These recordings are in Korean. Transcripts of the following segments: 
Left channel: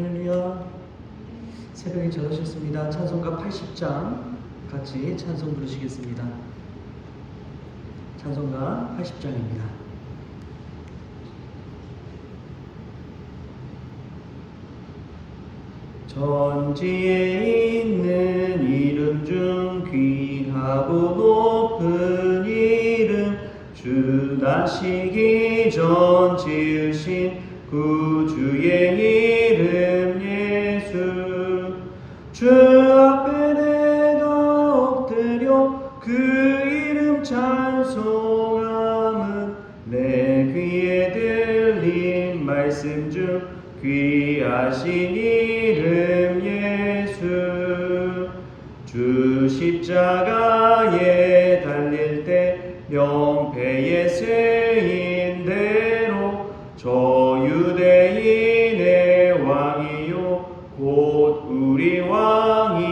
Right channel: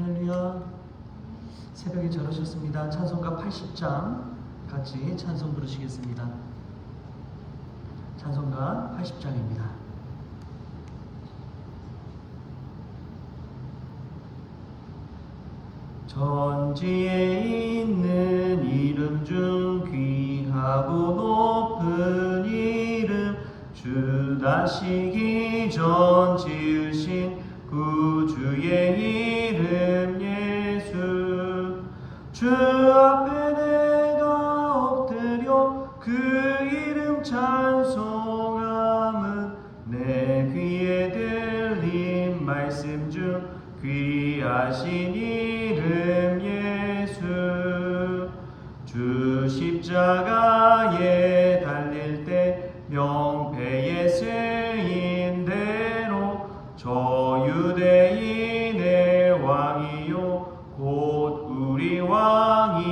할렐루야. 새벽에 잘 오셨습니다. 찬송가 80장 같이 찬송 부르시겠습니다. 찬송가 80장입니다. 천지에 있는 이름 중 귀하고 높은 이름, 주 나시기 전 지으신 구주의 이름 예수. 주 앞에 내가 엎드려 그 이름 찬송함은 내 귀에 들린 말씀 중 귀하신 이름 예수. 주 십자가에 달릴 때 명패에 세인 대로 저 유대인의 왕이요 곧 우리 왕이시라.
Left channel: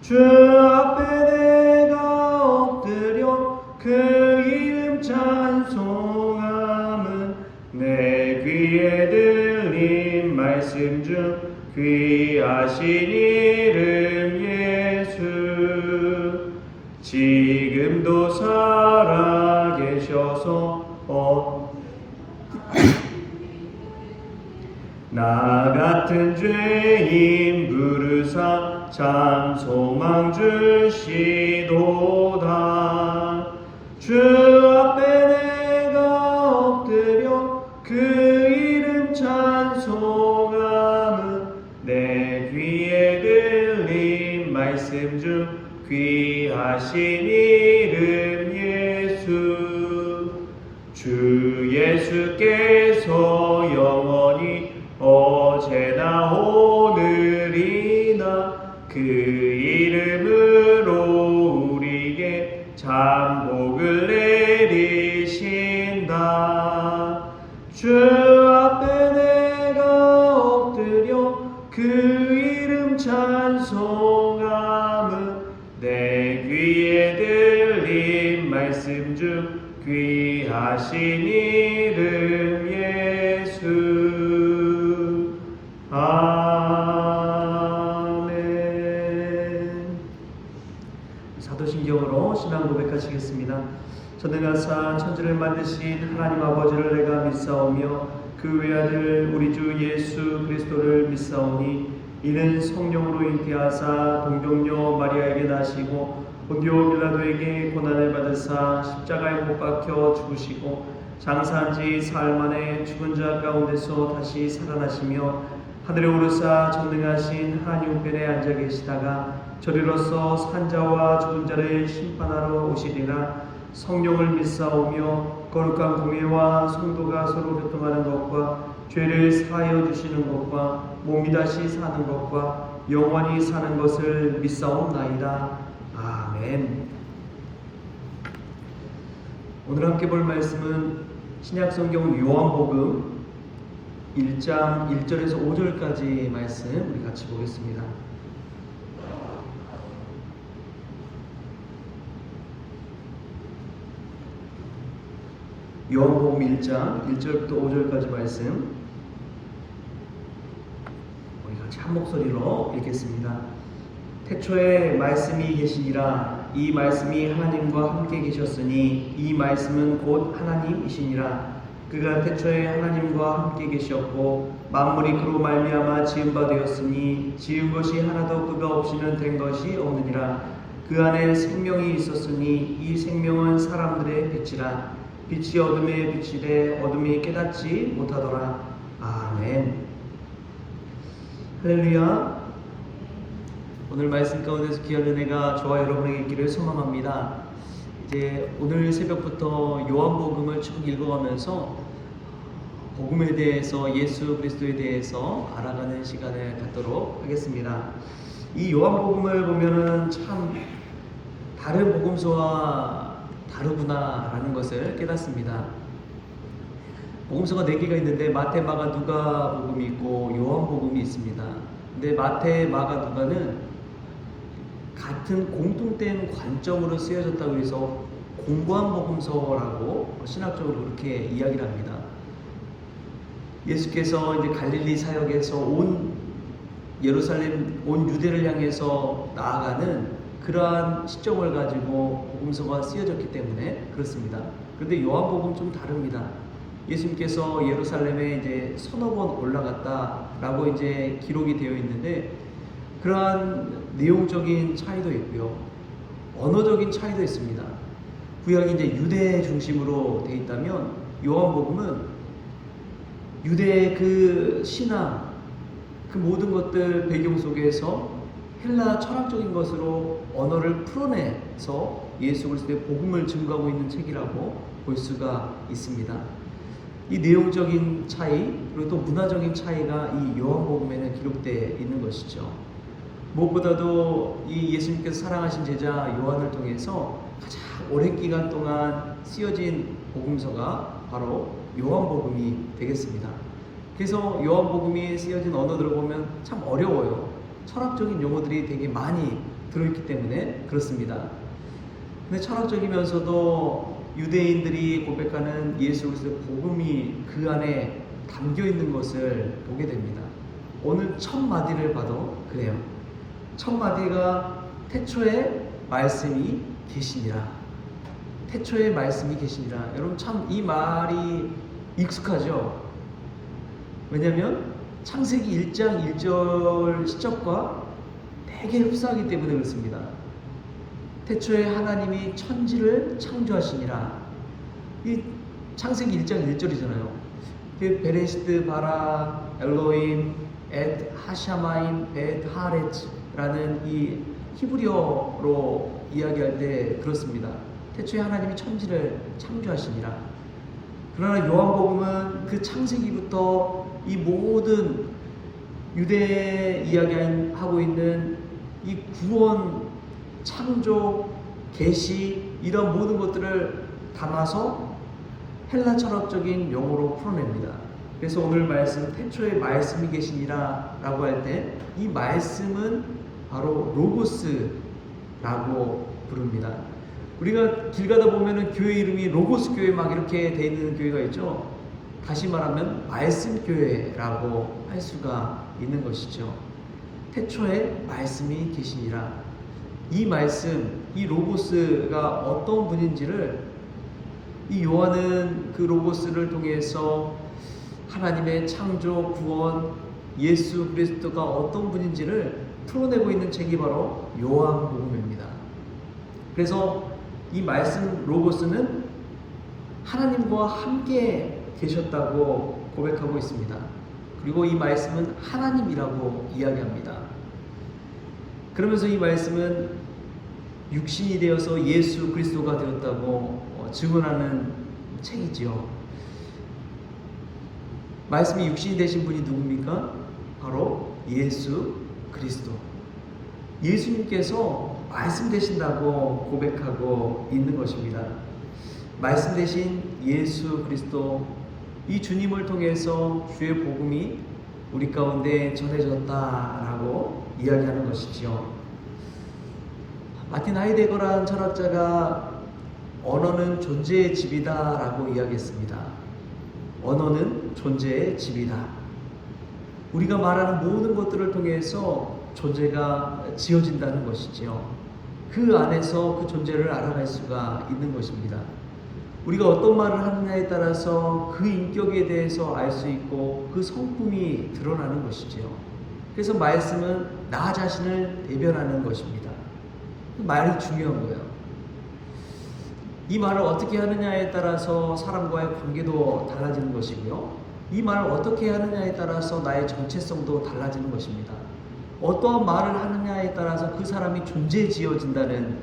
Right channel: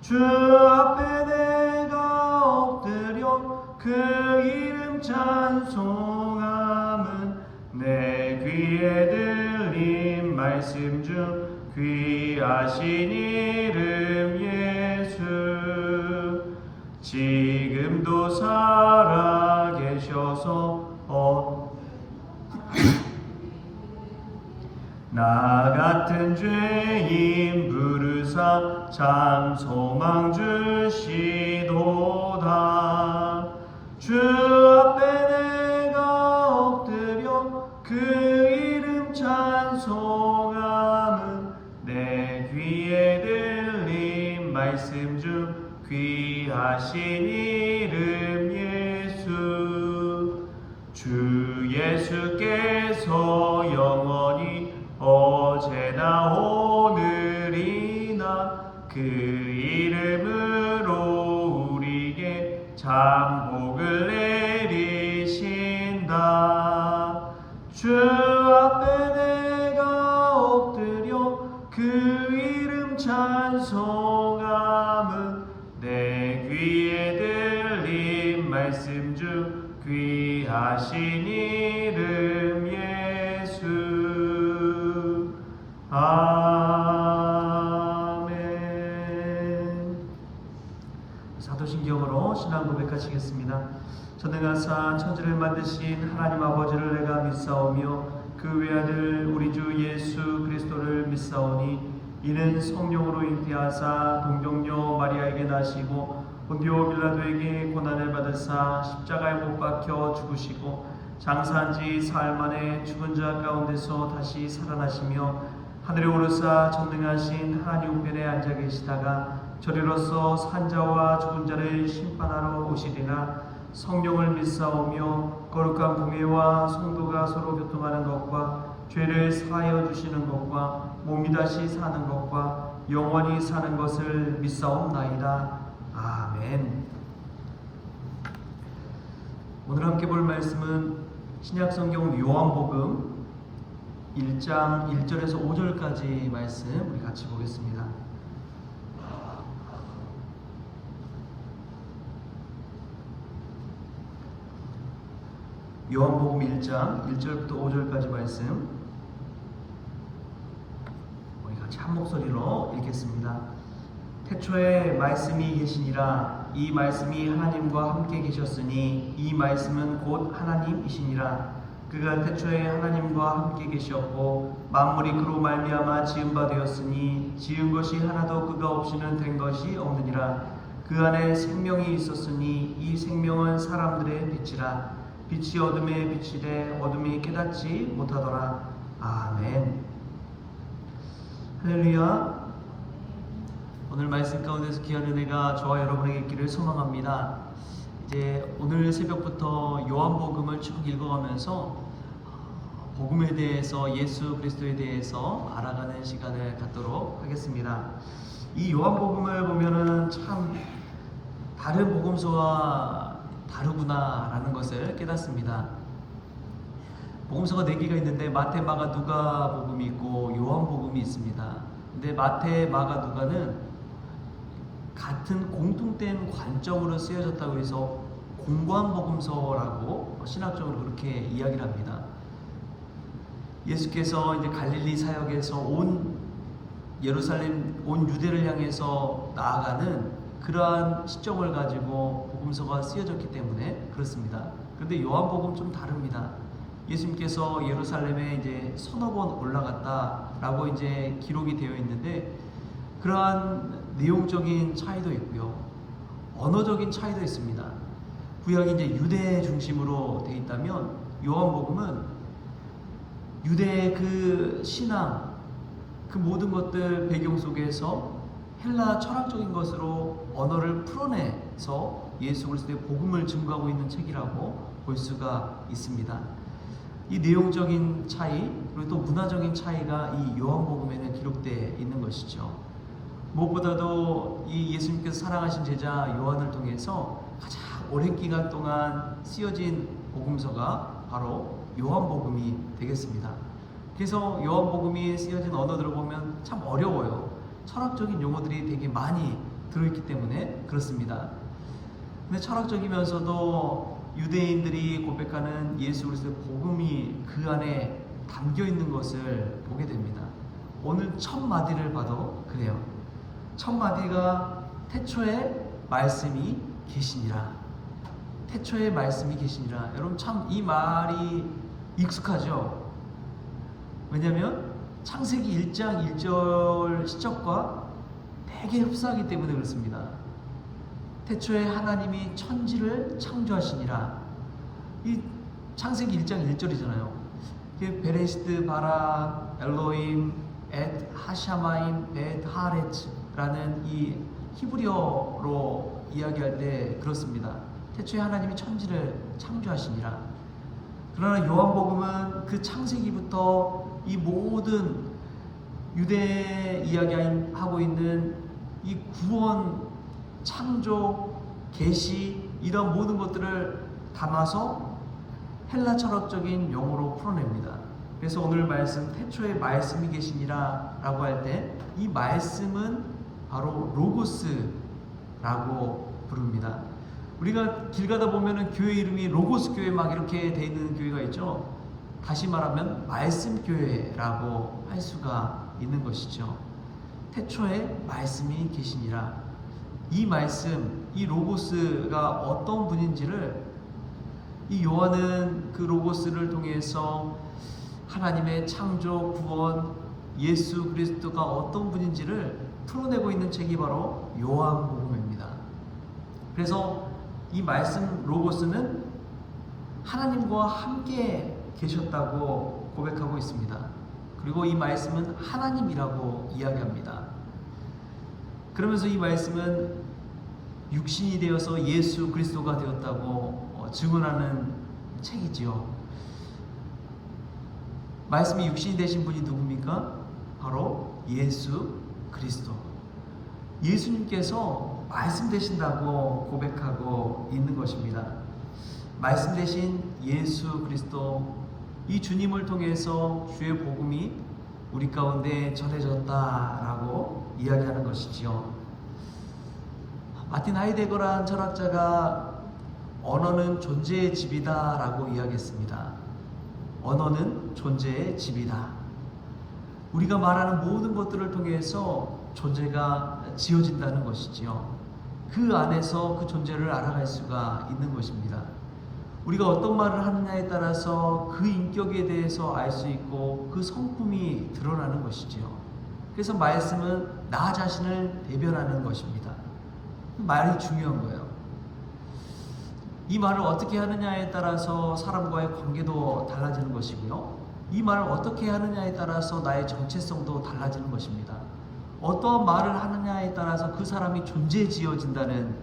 주 앞에 내가 엎드려 그 이름 찬송함은 내 귀에 들린 말씀 중 귀하신 이름 예수. 지금도 살아계셔서 나 같은 죄인 부르사 참 소망 주시도다. 주 앞에 내가 엎드려 그 이름 찬송함은 내 귀에 들린 말씀 중 귀하신 이름 예수. 주 예수께서 영원히 어제나 오늘이나 그 이름으로 우리에게 참 복을 내리신다. 주 앞에 내가 엎드려 그 이름 찬송함은 내 귀에 들린 말씀 중 귀하신 이름 예수. 아멘. 사도신경으로 신앙 고백하시겠습니다. 전능하사 천지를 만드신 하나님 아버지를 내가 믿사오며 그 외아들 우리 주 예수 그리스도를 믿사오니 이는 성령으로 잉태하사 동정녀 마리아에게 나시고 본디오 빌라도에게 고난을 받으사 십자가에 못 박혀 죽으시고 장사한 지 사흘 만에 죽은 자 가운데서 다시 살아나시며 하늘에 오르사 전능하신 하나님 우편에 앉아 계시다가 저리로서 산자와 죽은 자를 심판하러 오시리라. 성령을 믿사오며 거룩한 구매와 성도가 서로 교통하는 것과 죄를 사하여 주시는 것과 몸이 다시 사는 것과 영원히 사는 것을 믿사옵나이다. 아멘. 오늘 함께 볼 말씀은 신약성경 요한복음 1장 1절에서 5절까지 말씀 우리 같이 보겠습니다. 요한복음 1장 1절부터 5절까지 말씀 우리 같이 한 목소리로 읽겠습니다. 태초에 말씀이 계시니라. 이 말씀이 하나님과 함께 계셨으니 이 말씀은 곧 하나님이시니라. 그가 태초에 하나님과 함께 계셨고 만물이 그로 말미암아 지은 바 되었으니 지은 것이 하나도 그가 없이는 된 것이 없느니라. 그 안에 생명이 있었으니 이 생명은 사람들의 빛이라. 빛이 어둠에 비치되 어둠이 깨닫지 못하더라. 아멘. 할렐루야. 오늘 말씀 가운데서 귀한 은혜가 저와 여러분에게 있기를 소망합니다. 이제 오늘 새벽부터 요한복음을 쭉 읽어가면서 복음에 대해서 예수 그리스도에 대해서 알아가는 시간을 갖도록 하겠습니다. 이 요한복음을 보면은 참 다른 복음서와 다르구나라는 것을 깨닫습니다. 복음서가 4개가 있는데 마태, 마가, 누가 복음이 있고 요한복음이 있습니다. 근데 마태, 마가, 누가는 같은 공통된 관점으로 쓰여졌다고 해서 공고한 복음서라고 신학적으로 그렇게 이야기를 합니다. 예수께서 이제 갈릴리 사역에서 온 예루살렘, 온 유대를 향해서 나아가는 그러한 시점을 가지고 복음서가 쓰여졌기 때문에 그렇습니다. 그런데 요한복음은 좀 다릅니다. 예수님께서 예루살렘에 이제 서너 번 올라갔다라고 이제 기록이 되어 있는데, 그러한 내용적인 차이도 있고요, 언어적인 차이도 있습니다. 구약이 이제 유대 중심으로 되어 있다면, 요한복음은 유대의 그 신앙, 그 모든 것들 배경 속에서 헬라 철학적인 것으로 언어를 풀어내서 예수 그리스도의 복음을 증거하고 있는 책이라고 볼 수가 있습니다. 이 내용적인 차이, 그리고 또 문화적인 차이가 이 요한복음에는 기록되어 있는 것이죠. 무엇보다도 이 예수님께서 사랑하신 제자 요한을 통해서 가장 오랜 기간 동안 쓰여진 복음서가 바로 요한복음이 되겠습니다. 그래서 요한복음이 쓰여진 언어들을 보면 참 어려워요. 철학적인 용어들이 되게 많이 들어있기 때문에 그렇습니다. 근데 철학적이면서도 유대인들이 고백하는 예수 그리스도의 복음이 그 안에 담겨 있는 것을 보게 됩니다. 오늘 첫 마디를 봐도 그래요. 첫 마디가 태초에 말씀이 계시니라. 태초에 말씀이 계시니라. 여러분 참 이 말이 익숙하죠? 왜냐하면 창세기 1장 1절 시적과 되게 흡사하기 때문에 그렇습니다. 태초에 하나님이 천지를 창조하시니라. 이 창세기 1장 1절이잖아요. 그 베레시드 바라 엘로임 엣 하샤마임 엣 하렛라는 이 히브리어로 이야기할 때 그렇습니다. 태초에 하나님이 천지를 창조하시니라. 그러나 요한복음은 그 창세기부터 이 모든 유대에 이야기하고 있는 이 구원, 창조, 계시 이런 모든 것들을 담아서 헬라 철학적인 용어로 풀어냅니다. 그래서 오늘 말씀 태초에 말씀이 계시니라 라고 할 때 이 말씀은 바로 로고스라고 부릅니다. 우리가 길 가다 보면은 교회 이름이 로고스 교회 막 이렇게 돼 있는 교회가 있죠. 다시 말하면 말씀 교회라고 할 수가 있는 것이죠. 태초에 말씀이 계시니라. 이 말씀, 이 로고스가 어떤 분인지를 이 요한은 그 로고스를 통해서 하나님의 창조, 구원, 예수 그리스도가 어떤 분인지를 풀어내고 있는 책이 바로 요한복음입니다. 그래서 이 말씀 로고스는 하나님과 함께 계셨다고 고백하고 있습니다. 그리고 이 말씀은 하나님이라고 이야기합니다. 그러면서 이 말씀은 육신이 되어서 예수 그리스도가 되었다고 증언하는 책이지요. 말씀이 육신이 되신 분이 누굽니까? 바로 예수 그리스도. 예수님께서 말씀 되신다고 고백하고 있는 것입니다. 말씀 되신 예수 그리스도, 이 주님을 통해서 주의 복음이 우리 가운데 전해졌다라고 이야기하는 것이죠. 마틴 하이데거라는 철학자가 언어는 존재의 집이다라고 이야기했습니다. 언어는 존재의 집이다. 우리가 말하는 모든 것들을 통해서 존재가 지어진다는 것이지요. 그 안에서 그 존재를 알아갈 수가 있는 것입니다. 우리가 어떤 말을 하느냐에 따라서 그 인격에 대해서 알 수 있고 그 성품이 드러나는 것이지요. 그래서 말씀은 나 자신을 대변하는 것입니다. 말이 중요한 거예요. 이 말을 어떻게 하느냐에 따라서 사람과의 관계도 달라지는 것이고요. 이 말을 어떻게 하느냐에 따라서 나의 정체성도 달라지는 것입니다. 어떠한 말을 하느냐에 따라서 그 사람이 존재지어진다는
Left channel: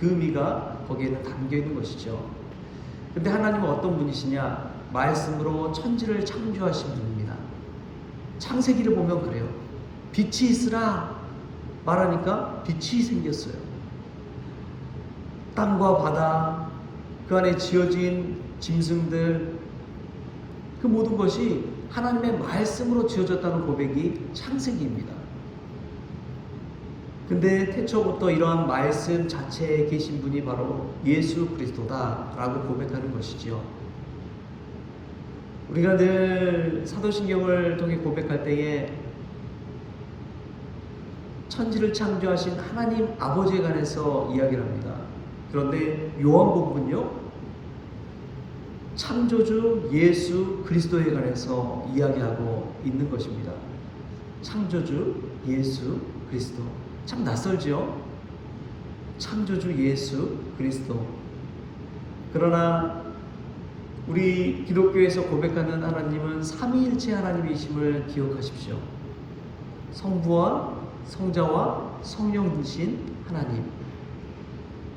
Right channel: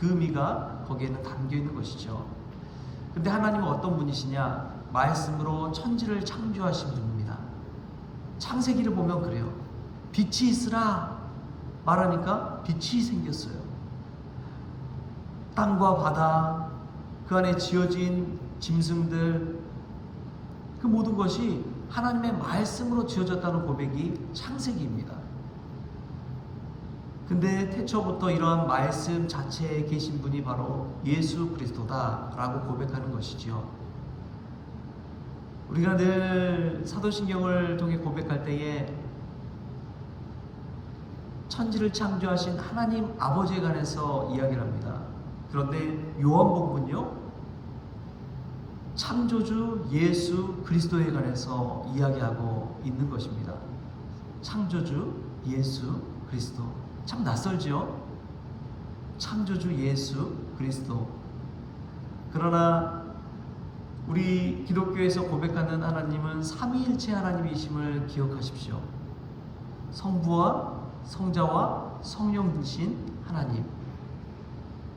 그 의미가 거기에는 담겨 있는 것이죠. 근데 하나님은 어떤 분이시냐? 말씀으로 천지를 창조하신 분입니다. 창세기를 보면 그래요. 빛이 있으라 말하니까 빛이 생겼어요. 땅과 바다, 그 안에 지어진 짐승들, 그 모든 것이 하나님의 말씀으로 지어졌다는 고백이 창세기입니다. 근데 태초부터 이러한 말씀 자체에 계신 분이 바로 예수 그리스도다라고 고백하는 것이지요. 우리가 늘 사도신경을 통해 고백할 때에 천지를 창조하신 하나님 아버지에 관해서 이야기를 합니다. 그런데 요한복음은요, 창조주 예수 그리스도에 관해서 이야기하고 있는 것입니다. 창조주 예수 그리스도. 참 낯설죠? 창조주 예수 그리스도. 그러나 우리 기독교에서 고백하는 하나님은 삼위일체 하나님이심을 기억하십시오. 성부와 성자와 성령이신 하나님.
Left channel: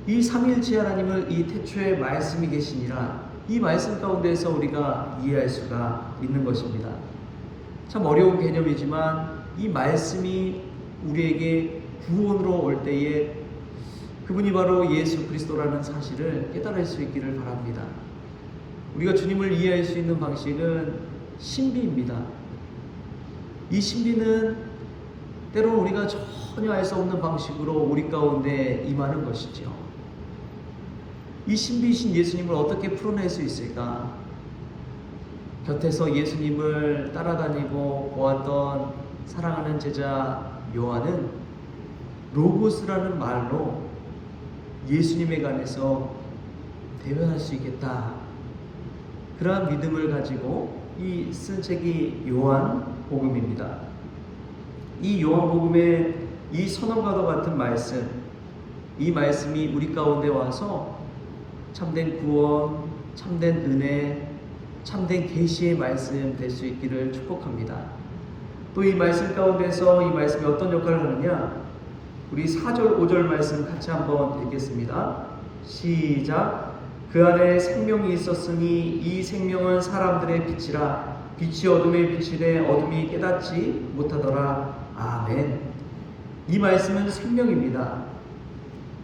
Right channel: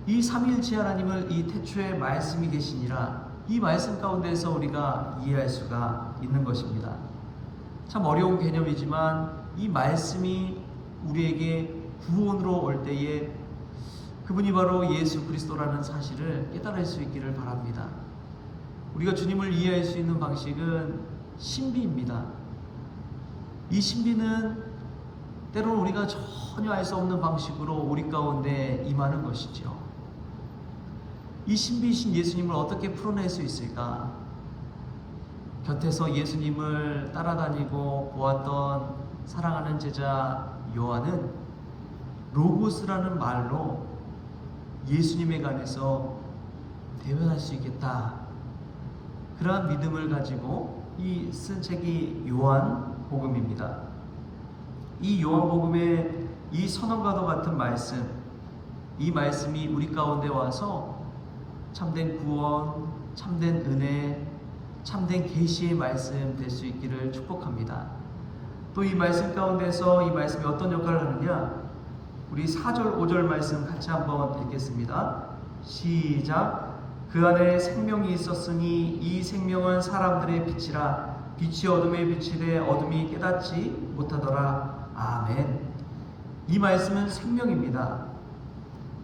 이 삼위일체 하나님을 이 태초에 말씀이 계시니라, 이 말씀 가운데서 우리가 이해할 수가 있는 것입니다. 참 어려운 개념이지만 이 말씀이 우리에게 구원으로 올 때에 그분이 바로 예수 그리스도라는 사실을 깨달을 수 있기를 바랍니다. 우리가 주님을 이해할 수 있는 방식은 신비입니다. 이 신비는 때로는 우리가 전혀 알 수 없는 방식으로 우리 가운데 임하는 것이지요. 이 신비이신 예수님을 어떻게 풀어낼 수 있을까? 곁에서 예수님을 따라다니고 보았던 사랑하는 제자 요한은 로고스라는 말로 예수님에 관해서 대변할 수 있겠다, 그러한 믿음을 가지고 이 쓴 책이 요한복음입니다. 이 요한복음의 이 선언과도 같은 말씀, 이 말씀이 우리 가운데 와서 참된 구원, 참된 은혜, 참된 계시의 말씀 될 수 있기를 축복합니다. 또 이 말씀 가운데서 이 말씀이 어떤 역할을 하느냐, 우리 4절 5절 말씀 같이 한번 읽겠습니다. 시작. 그 안에 생명이 있었으니 이 생명은 사람들의 빛이라, 빛이 어둠에 비치되 어둠이 깨닫지 못하더라. 아멘. 이 말씀은 생명입니다.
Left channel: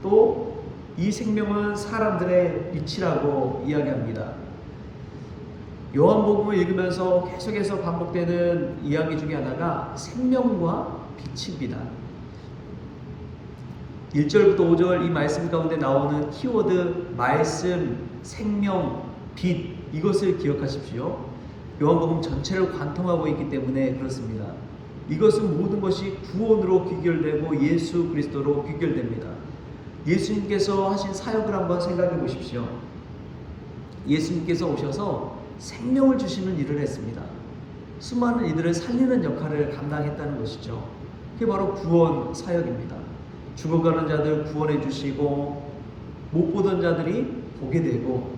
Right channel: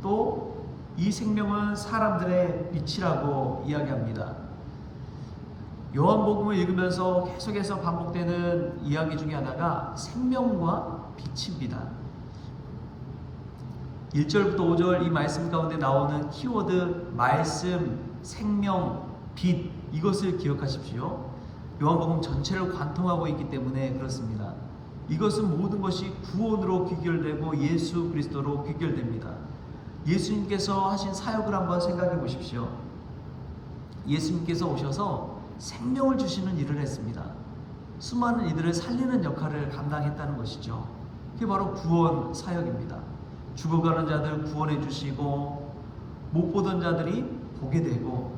또 이 생명은 사람들의 빛이라고 이야기합니다. 요한복음을 읽으면서 계속해서 반복되는 이야기 중에 하나가 생명과 빛입니다. 1절부터 5절 이 말씀 가운데 나오는 키워드 말씀, 생명, 빛, 이것을 기억하십시오. 요한복음 전체를 관통하고 있기 때문에 그렇습니다. 이것은 모든 것이 구원으로 귀결되고 예수 그리스도로 귀결됩니다. 예수님께서 하신 사역을 한번 생각해 보십시오. 예수님께서 오셔서 생명을 주시는 일을 했습니다. 수많은 이들을 살리는 역할을 감당했다는 것이죠. 그게 바로 구원 사역입니다. 죽어가는 자들 구원해 주시고, 못 보던 자들이 보게 되고,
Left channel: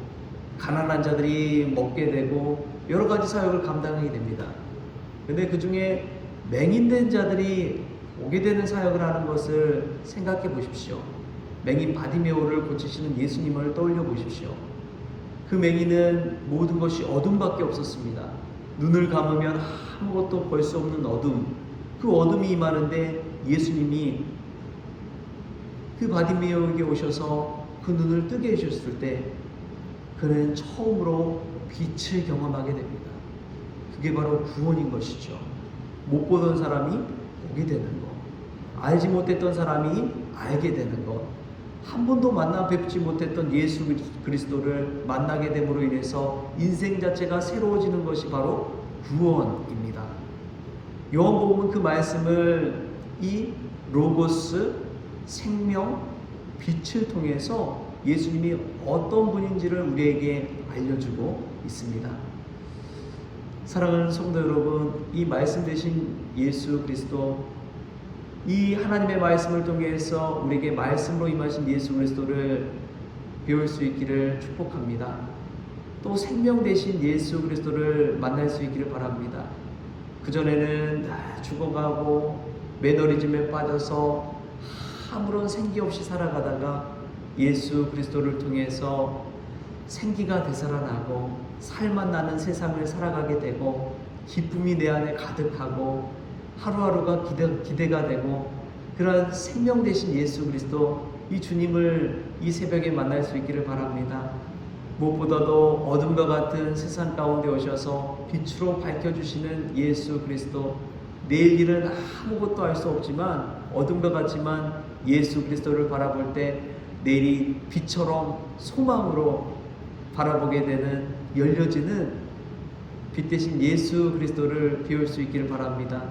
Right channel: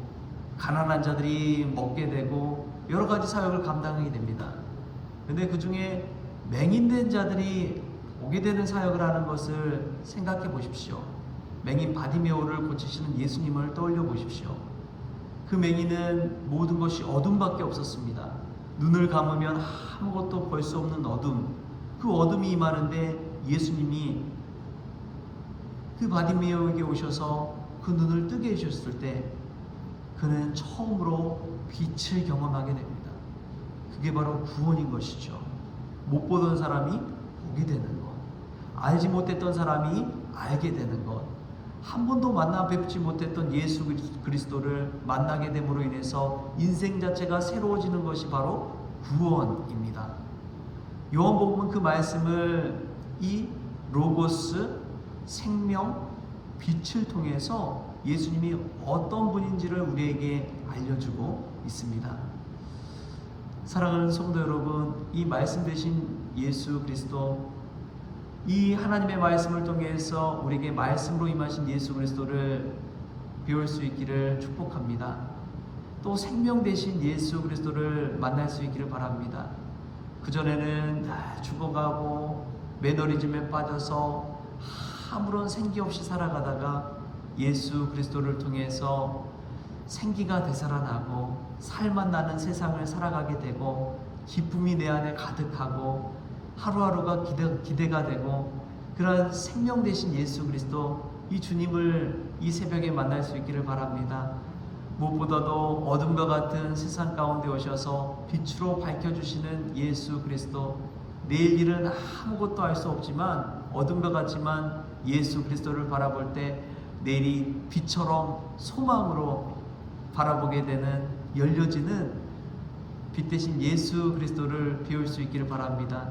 가난한 자들이 먹게 되고, 여러 가지 사역을 감당하게 됩니다. 그런데 그 중에 맹인된 자들이 오게 되는 사역을 하는 것을 생각해 보십시오. 맹인 바디메오를 고치시는 예수님을 떠올려 보십시오. 그 맹인은 모든 것이 어둠밖에 없었습니다. 눈을 감으면 아무것도 볼 수 없는 어둠, 그 어둠이 임하는데 예수님이 그 바디메오에게 오셔서 그 눈을 뜨게 해주셨을 때 그는 처음으로 빛을 경험하게 됩니다. 그게 바로 구원인 것이죠. 못 보던 사람이 보게 되는 것, 알지 못했던 사람이 알게 되는 것, 한 번도 만나 뵙지 못했던 예수 그리스도를 만나게 됨으로 인해서 인생 자체가 새로워지는 것이 바로 구원입니다. 요한복음은 그 말씀을 이 로고스, 생명, 빛을 통해서 예수님이 어떤 분인지를 우리에게 알려주고 있습니다. 사랑하는 성도 여러분, 이 말씀 되신 예수 그리스도, 이 하나님의 말씀을 통해서 우리에게 말씀으로 임하신 예수 그리스도를 배울 수 있기를 축복합니다. 또 생명 되신 예수 그리스도를 만날 수 있기를 바랍니다. 그전에는 죽어가고 매너리즘에 빠져서 아무런 생기 없이 살아가다가 예수 그리스도를 통해서 생기가 되살아나고 살맛 나는 세상을 살아가게 되고 기쁨이 내 안에 가득하고 하루하루가 기대가 되고, 그런 생명 되신 예수 그리스도, 이 주님을 이 새벽에 만날 수 있기를 바랍니다. 무엇보다도 어둠과 같은 세상 가운데 오셔서 빛으로 밝혀주시는 예수 그리스도, 내일 일은 아무것도 알 수 없지만 어둠과 같지만 예수 그리스도를 바라볼 때 내일이 빛처럼 소망으로 바라보게 되는, 열려지는 빛 대신 예수 그리스도를 배울 수 있기를 바랍니다.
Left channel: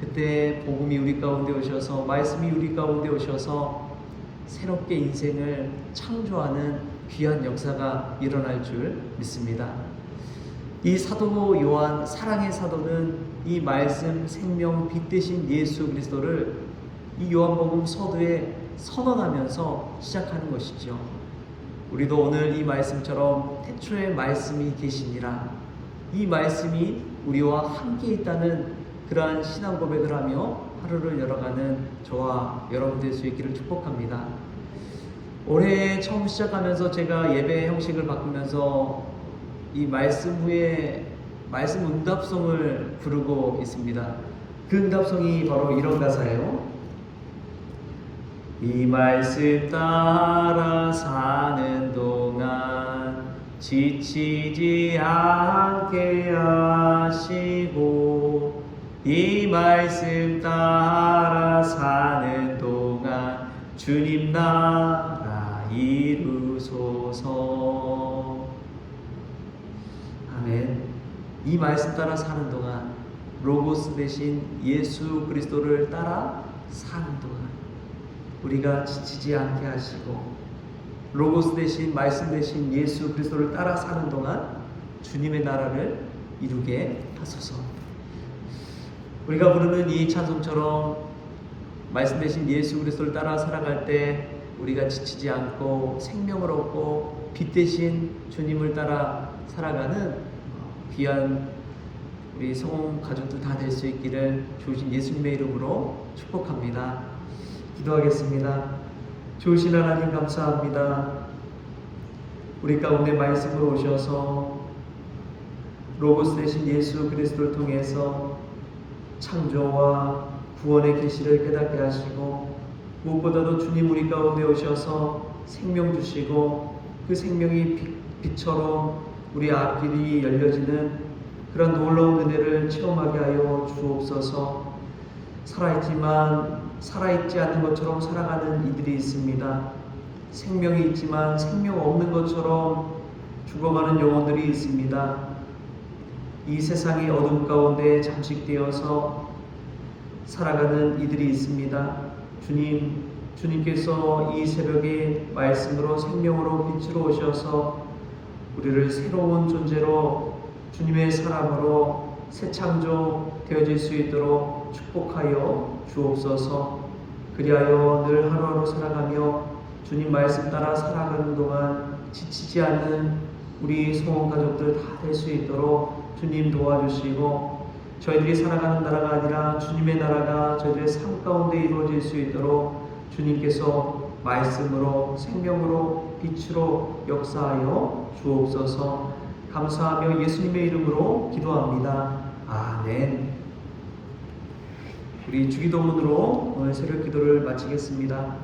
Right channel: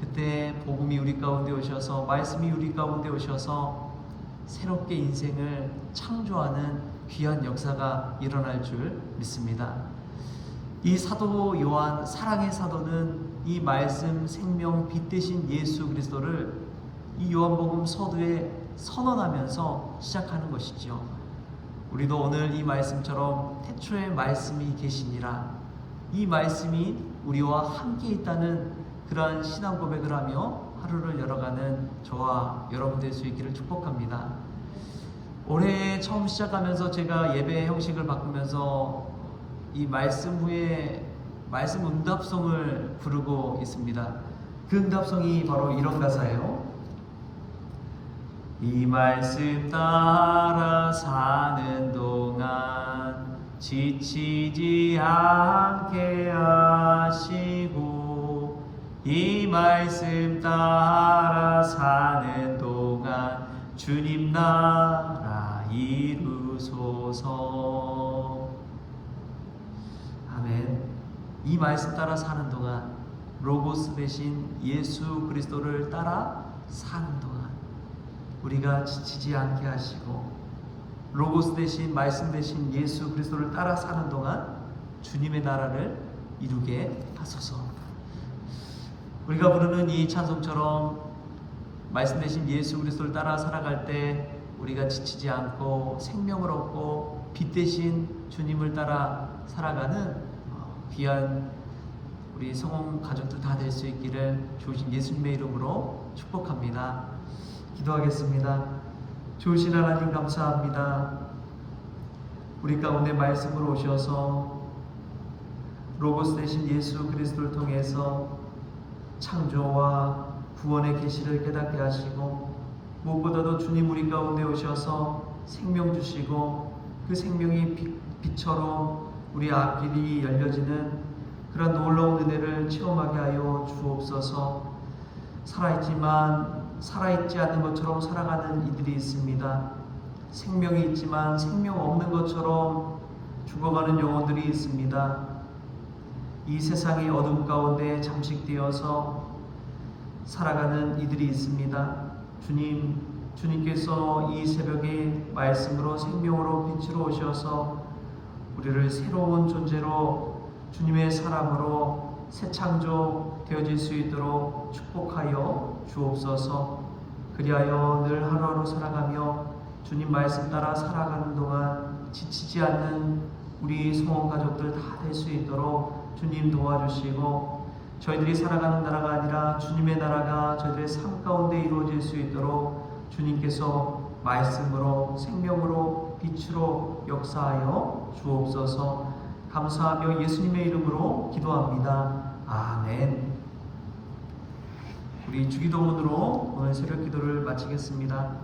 그때 복음이 우리 가운데 오셔서, 말씀이 우리 가운데 오셔서 새롭게 인생을 창조하는 귀한 역사가 일어날 줄 믿습니다. 이 사도 요한, 사랑의 사도는 이 말씀, 생명, 빛 대신 예수 그리스도를 이 요한복음 서두에 선언하면서 시작하는 것이죠. 우리도 오늘 이 말씀처럼 태초에 말씀이 계시니라, 이 말씀이 우리와 함께 있다는 그러한 신앙 고백을 하며 하루를 열어가는 저와 여러분 될 수 있기를 축복합니다. 올해 처음 시작하면서 제가 예배 형식을 바꾸면서 이 말씀 후에 말씀 응답송을 부르고 있습니다. 그 응답송이 바로 이런 가사예요. 이 말씀 따라 사는 동안 지치지 않게 하시고, 이 말씀 따라 사는 동안 주님 나라 이루소서. 아멘. 이 말씀 따라 사는 동안, 로고스 대신 예수 그리스도를 따라 사는 동안 우리가 지치지 않게 하시고, 로고스 대신 말씀 대신 예수 그리스도를 따라 사는 동안 주님의 나라를 이루게 하소서. 우리가 부르는 이 찬송처럼 말씀 대신 예수 그리스도를 따라 살아갈 때 우리가 지치지 않고 생명을 얻고 빛 대신 주님을 따라 살아가는 귀한 우리 성공 가족들 다 될 수 있기를 주신 예수님의 이름으로 축복합니다. 기도하겠습니다. 좋으신 하나님 감사합니다. 우리 가운데 말씀으로 오셔서 로고스 되신 예수 그리스도를 통해서 창조와 구원의 계시를 깨닫게 하시고, 무엇보다도 주님 우리 가운데 오셔서 생명 주시고, 그 생명이 빛처럼 우리 앞길이 열려지는 그런 놀라운 은혜를 체험하게 하여 주옵소서. 살아있지만 살아있지 않은 것처럼 살아가는 이들이 있습니다. 생명이 있지만 생명 없는 것처럼 죽어가는 영혼들이 있습니다. 이 세상의 어둠 가운데 잠식되어서 살아가는 이들이 있습니다. 주님께서 이 새벽에 말씀으로 생명으로 빛으로 오셔서 우리를 새로운 존재로 주님의 사람으로 새 창조 되어질 수 있도록 축복하여 주옵소서. 그리하여 늘 하루하루 살아가며 주님 말씀 따라 살아가는 동안 지치지 않는 우리 성원 가족들 다 될 수 있도록 주님 도와주시고, 저희들이 살아가는 나라가 아니라 주님의 나라가 저희들의 삶 가운데 이루어질 수 있도록 주님께서 말씀으로 생명으로 빛으로 역사하여 주옵소서. 감사하며 예수님의 이름으로 기도합니다. 아멘. 우리 주기도문으로 오늘 새벽 기도를 마치겠습니다.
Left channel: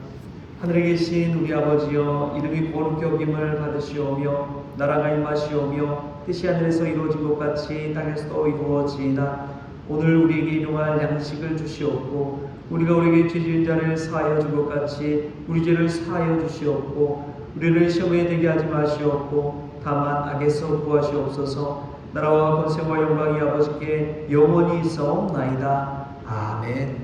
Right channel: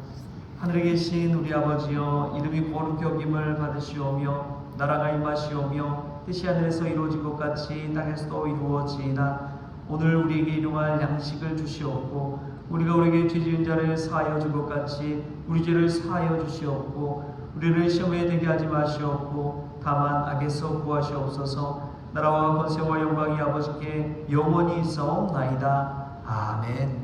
하늘에 계신 우리 아버지여, 이름이 거룩히 여김을 받으시오며 나라가 임하시오며 뜻이 하늘에서 이루어진 것 같이 땅에서도 이루어지이다. 오늘 우리에게 일용할 양식을 주시옵고, 우리가 우리에게 죄 지은 자를 사하여 준 것 같이 우리 죄를 사하여 주시옵고, 우리를 시험에 들게 하지 마시옵고 다만 악에서 구하시옵소서. 나라와 권세와 영광이 아버지께 영원히 있사옵나이다. 아멘.